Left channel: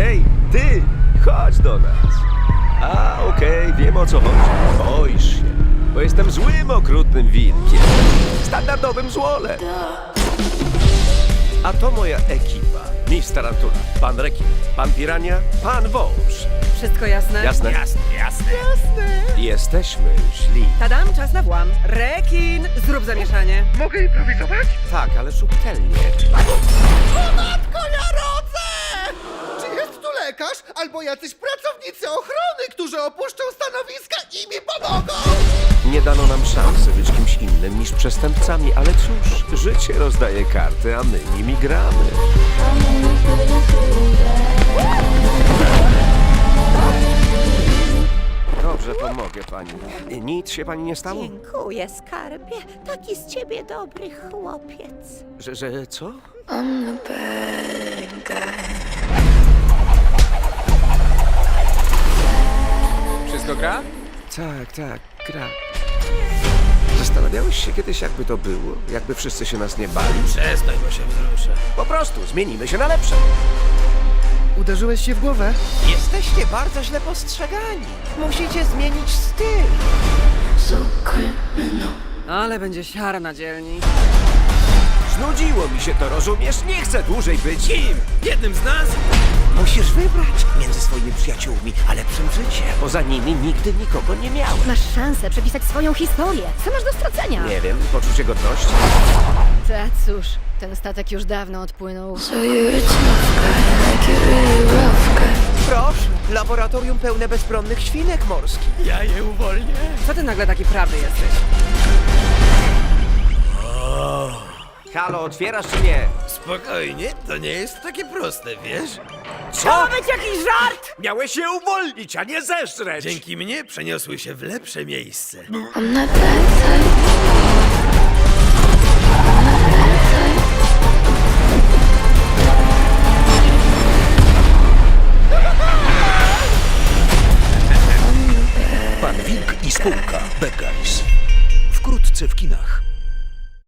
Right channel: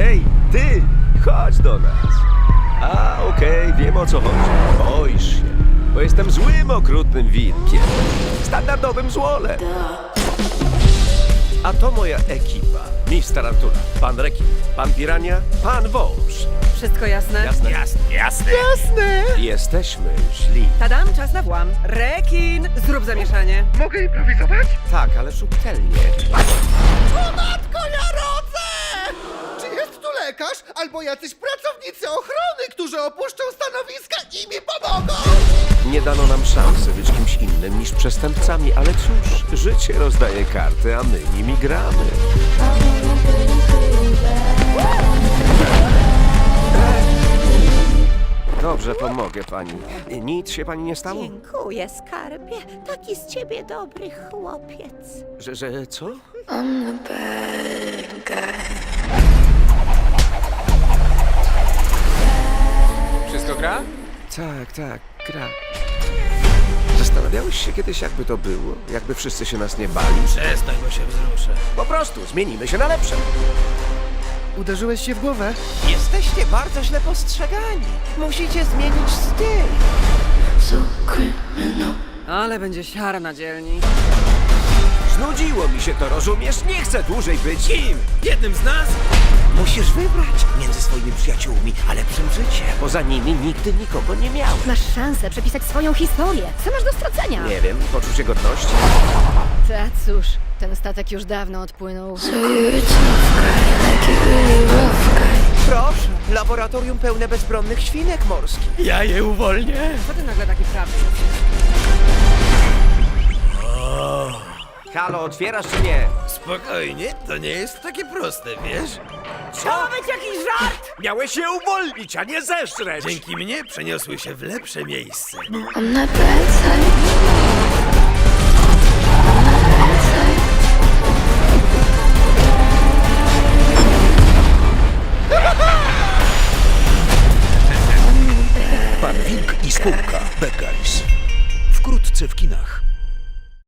Hej, ty, chodź do nas. A, okej, wiem o co chodzi. Boisz się, bo jestem złym, okrutnym wilkiem. Standardowym złolem. A to moja ekipa. Miss Tarantula, pan Rekin, pan Pirania, pan Wąż. Wszystko jasne? Jasne? Jasne, jasne. Jesteśmy źli. Tadam, czas na włam. Rekin, zrób zamieszanie. Mogę improwizować? Tak, ale subtelnie. Matko, ja rodzę! Czy jest tu lekarz albo jacyś pracownicy ochrony, którzy opuszczą stanowiska i mi pomogą? Nie dano nam szansy być kimś innym niż przestępcami, ale cóż, życie rozdaje karty, a my nimi gramy. Dobrze, pomogę pani. Nic się pani nie stało? Dziękuję, skarbie. Taki z ciebie dobry chłopiec. Że, że co? The bad Wszystko gra? Tak, tak, gra. Zastanawiałeś się kiedyś, jakby to było? Jakby wszyscy się nas nie bali? Przestań, bo się wzruszę. Po prostu zmienimy się na lepsze. Uderzyłeś się w głowę? Jesteście bardzo źle postrzegani. Musicie zmienić styl. Ale będzie siara na dzielni. Znudziło mi się to, rozumiesz? Nie chcę dłużej być. Kim? Jednym z nas? Musisz wybrać między swoimi przyjaciółmi a lepszym życiem. Poza nimi nigdy nikogo nie miałem. Masz szansę przepisać swoją historię. Co masz do stracenia? Nie wiem, poczucie godności? Ta cóż, ten statek już dawno odpłynął. So you're a tough guy, like a really rough guy. Proszę, laboratorium pełne bezbronnych świnek morskich. Ja je uwolnię. Co ty nagle taki prawy jesteś? Halo, otwierasz czy nie? Spokojnie, to nie jest takie proste, wiesz? Co? być jakiś żart! Miałeś się uwolnić, a nie zeżreć! Dzięki mnie przeniosły się w lepsze miejsce. That bad type. Pan Wilk i spółka Bad Guys. Wkrótce w kinach.